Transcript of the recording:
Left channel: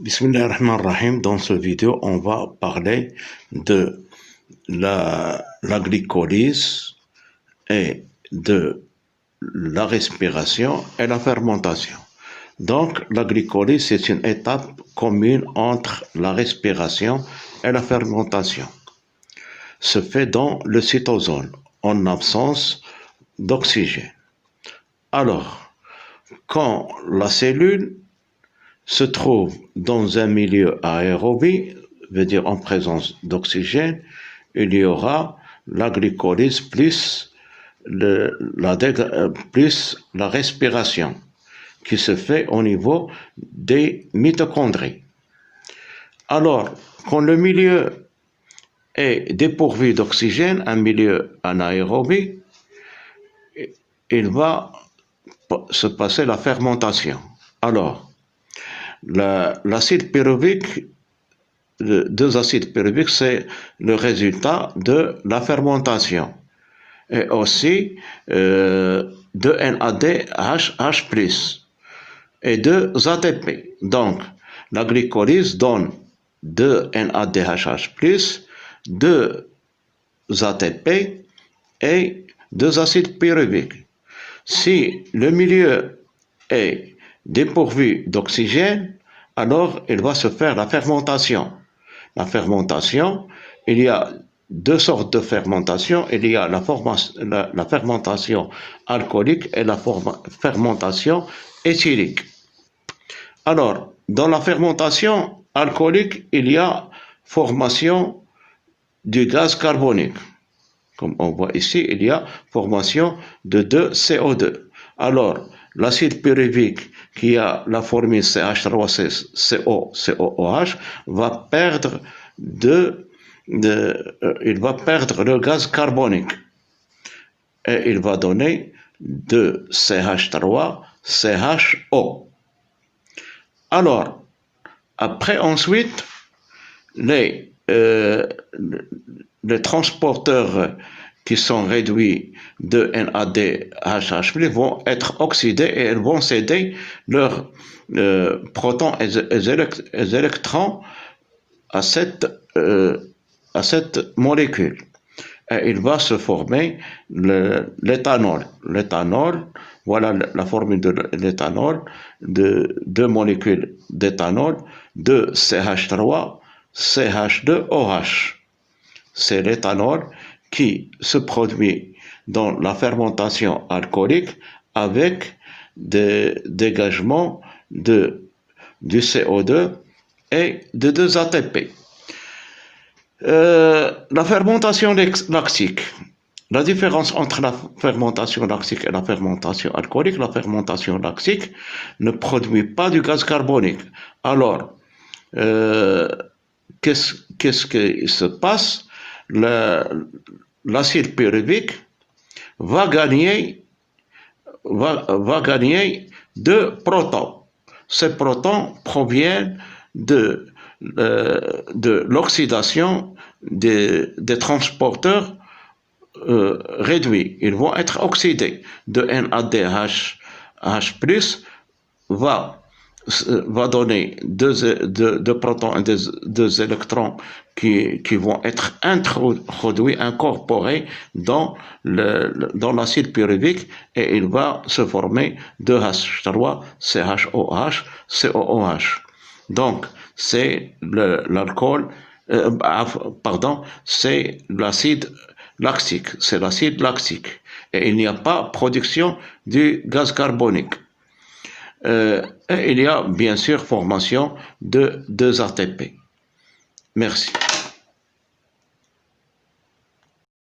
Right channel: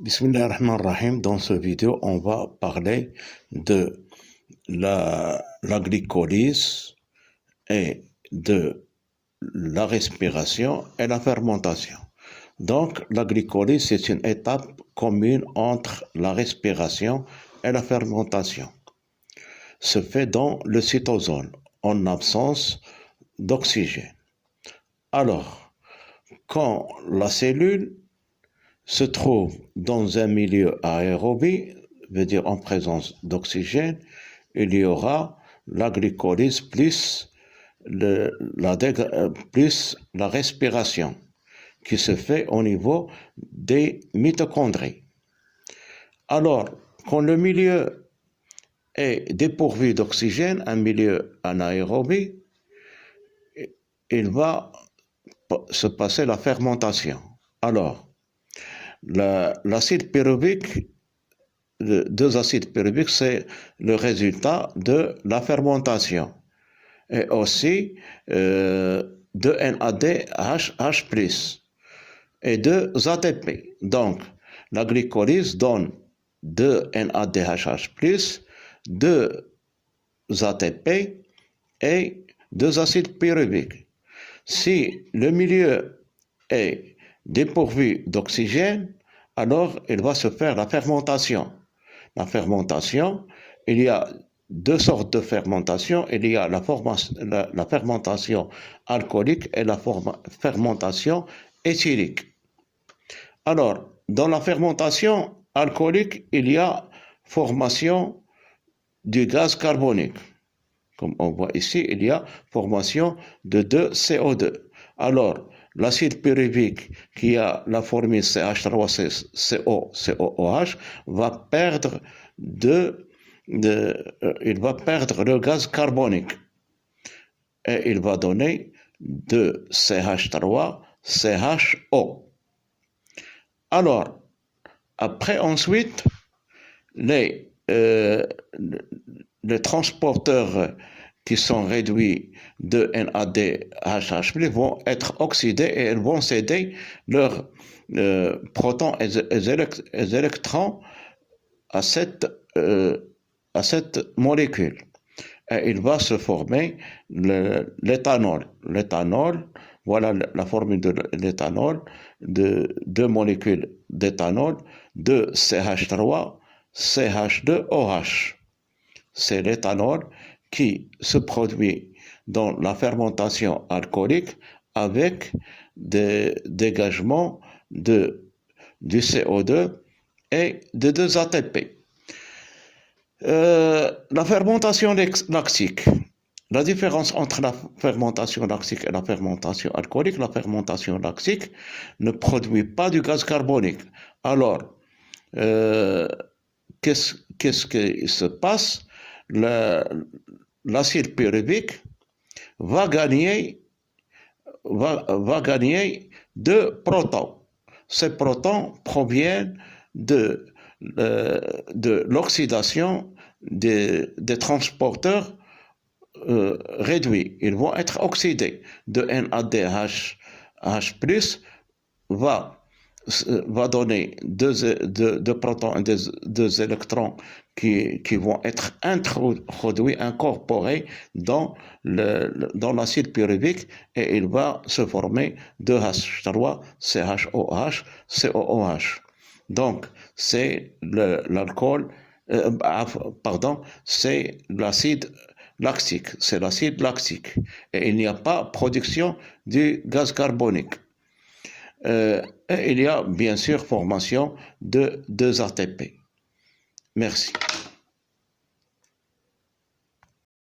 Bismillahirrahmanirrahim. Dans cette vidéo, on va parler de la glycolyse et de la respiration et la fermentation. Donc, la glycolyse, c'est une étape commune entre la respiration et la fermentation. Se fait dans le cytosol, en absence d'oxygène. Alors, quand la cellule se trouve dans un milieu aérobie, veut dire en présence d'oxygène, il y aura la glycolyse plus la respiration qui se fait au niveau des mitochondries. Alors, quand le milieu est dépourvu d'oxygène, un milieu anaérobie, il va se passer la fermentation. Alors, l'acide pyruvique, deux acides pyruviques, c'est le résultat de la fermentation. Et aussi de NADH+, et deux ATP. Donc, la glycolyse donne 2 NADH+, 2 ATP et 2 acides pyruviques. Si le milieu est dépourvu d'oxygène, alors il va se faire la fermentation. La fermentation, il y a deux sortes de fermentation. Il y a la fermentation alcoolique et la fermentation éthylique. Alors, dans la fermentation alcoolique, il y a formation du gaz carbonique. Comme on voit ici, il y a formation de 2 CO2. Alors, l'acide pyruvique qui a la formule CH3COOH va perdre il va perdre le gaz carbonique et il va donner de CH3CHO. Alors, après ensuite, les transporteurs qui sont réduits de NADH+ vont être oxydés et elles vont céder leurs protons et électrons à cette molécule. Et il va se former l'éthanol. L'éthanol, voilà la formule de l'éthanol, de deux molécules d'éthanol, de CH3, CH2OH. C'est l'éthanol qui se produit dans la fermentation alcoolique avec des dégagements du CO2 et de 2 ATP. La fermentation lactique. La différence entre la fermentation lactique et la fermentation alcoolique, la fermentation lactique ne produit pas du gaz carbonique. Alors, qu'est-ce qui se passe? L'acide pyruvique va gagner 2 protons. Ces protons proviennent de l'oxydation des transporteurs réduits. Ils vont être oxydés. De NADH+ va donner 2 protons et 2 électrons qui vont être incorporés dans l'acide pyruvique et il va se former 2H3, CHOH, COOH. Donc, c'est c'est l'acide lactique, c'est l'acide lactique. Et il n'y a pas production du gaz carbonique. Et il y a bien sûr formation de 2 ATP. Merci.